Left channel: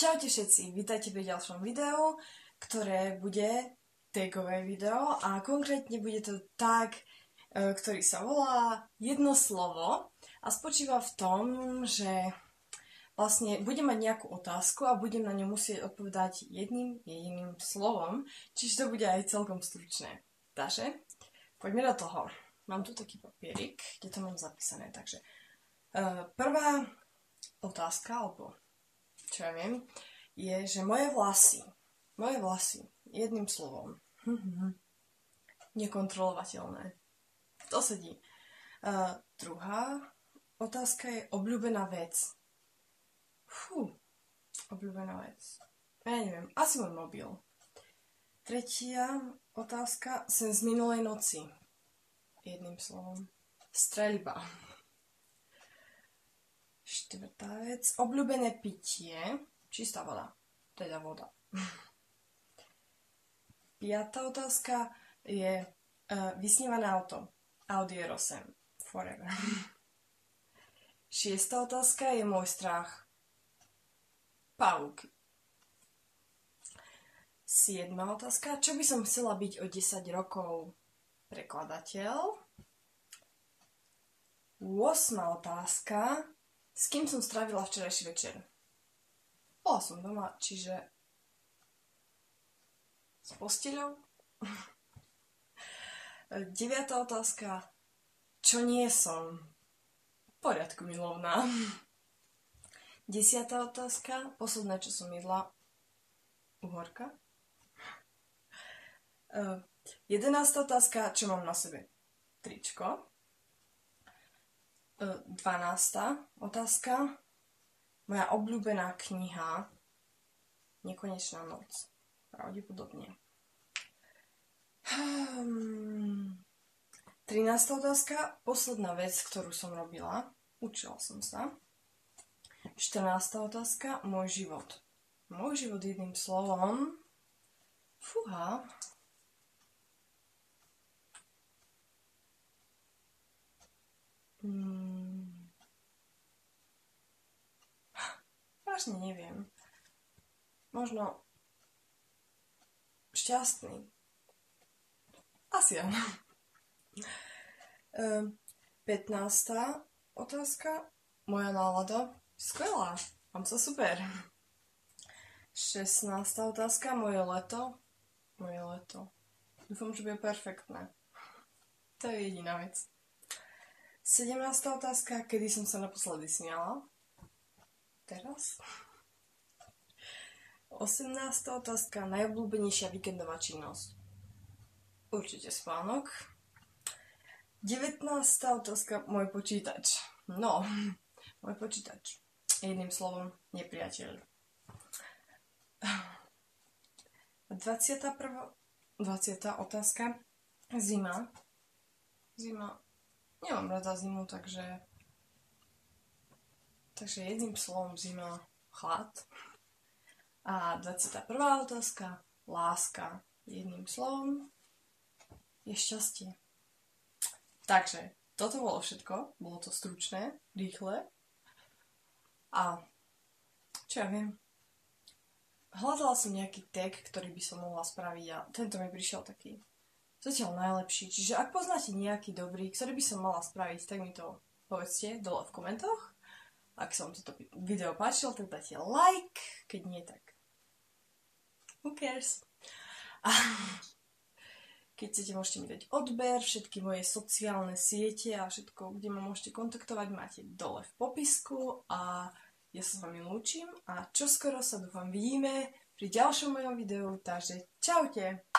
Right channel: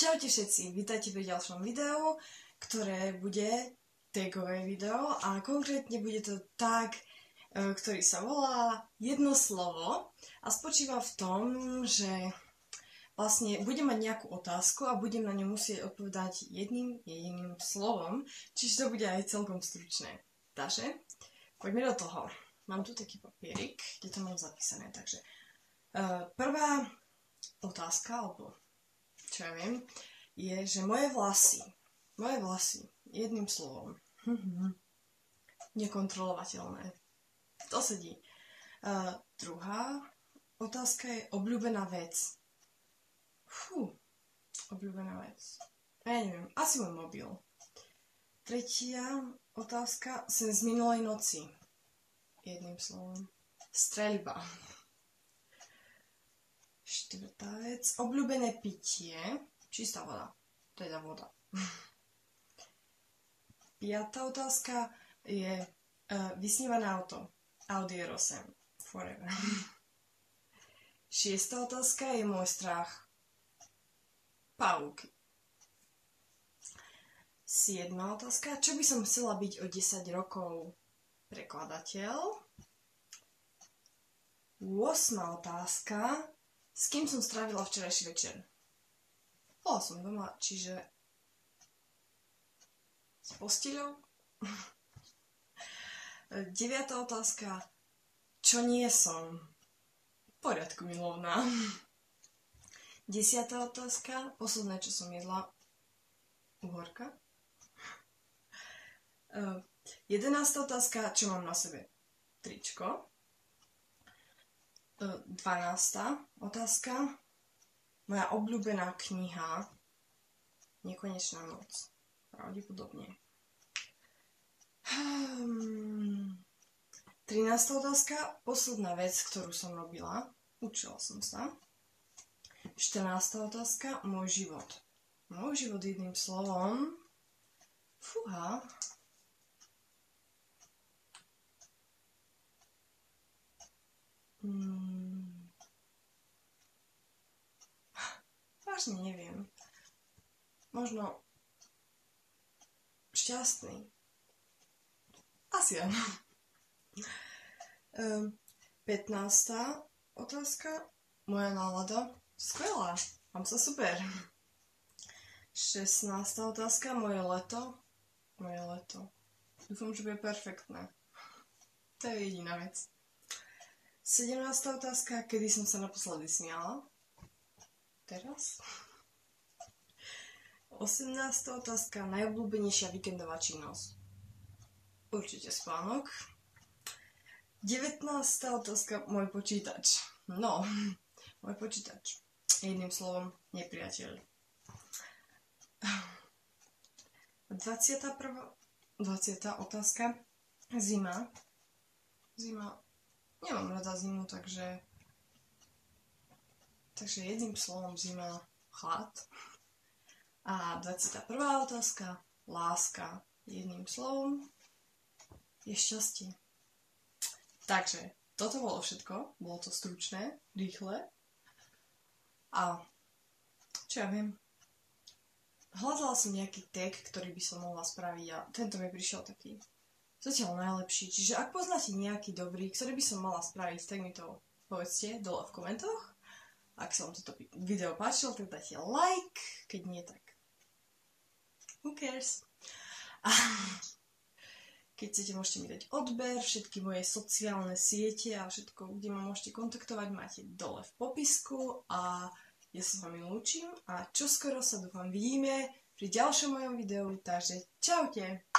Čaute všetci, vítajte pri ďalšom videu, ktoré bude tagové video a konkrétne bude to tag, ktorý sa volá jedno slovo a spočíva v tom, že vlastne budem mať nejakú otázku a budem na ňu musieť odpovedať jedným jediným slovom, čiže to bude aj celkom stručné. Takže poďme do toho. Mám tu taký papierik, kde to mám zapísané, takže prvá otázka, alebo čo ja viem, je, že moje vlasy, jedným slovom, nekontrolovateľné. To sedí. Druhá otázka je obľúbená vec. Obľúbená vec. Ja neviem, asi môj mobil. Tretia otázka, sen z minulej noci. Jedným slovom. Streľba. Štvrtá vec, obľúbené pitie, čistá voda, teda voda. Piatá otázka je vysnívané auto, Audi R8, forever. Šiestá otázka je môj strach, pavúky. Siedma otázka, čo by som chcela byť o 10 rokov? Prekladateľ. 8. otázka, s kým som strávila včerajší večer? Bola som doma, čiže s posteľou. 9. otázka. Čo nie som? V poriadku, milovná. 10. otázka. Posledné, čo som jedla. Uhorka. 11. otázka. Čo mám na sebe? Tričko. 12. otázka. Moja obľúbená kniha Nekonečná noc. Pravdepodobne. 13. otázka. Posledná vec, ktorú som robila. Učila som sa. 14. otázka. Môj život. Môj život jedným slovom. Fúha. Vážne neviem. Možno šťastný. Asi áno. 15. otázka. Moja nálada. Skvelá. Mám sa super. 16. otázka. Moje leto. Dúfam, že bude perfektné. To je jediná vec. 17. otázka. Kedy som sa naposledy smiala? Teraz. 18. otázka. Najobľúbenejšia víkendová činnosť. Určite spánok. 19. otázka. Môj počítač. No, môj počítač. Jedným slovom, nepriateľ. 20. otázka. Zima. Nemám rada zimu, takže jedným slovom zima, chlad. A 21. otázka, láska. Jedným slovom je šťastie. Takže toto bolo všetko. Bolo to stručné, rýchle. A čo ja viem? Hľadala som nejaký tag, ktorý by som mohla spraviť a tento mi prišiel taký zatiaľ najlepší. Čiže ak poznáte nejaký dobrý, ktorý by som mala spraviť, tak mi to povedzte dole v komentoch. Ak sa vám toto video páčilo, tak dajte like, keď nie, tak who cares? A keď chcete, môžete mi dať odber, všetky moje sociálne siete a všetko, kde ma môžete kontaktovať, máte dole v popisku a ja sa s vami lúčim a čoskoro sa dúfam vidíme pri ďalšom mojom videu, takže čaute!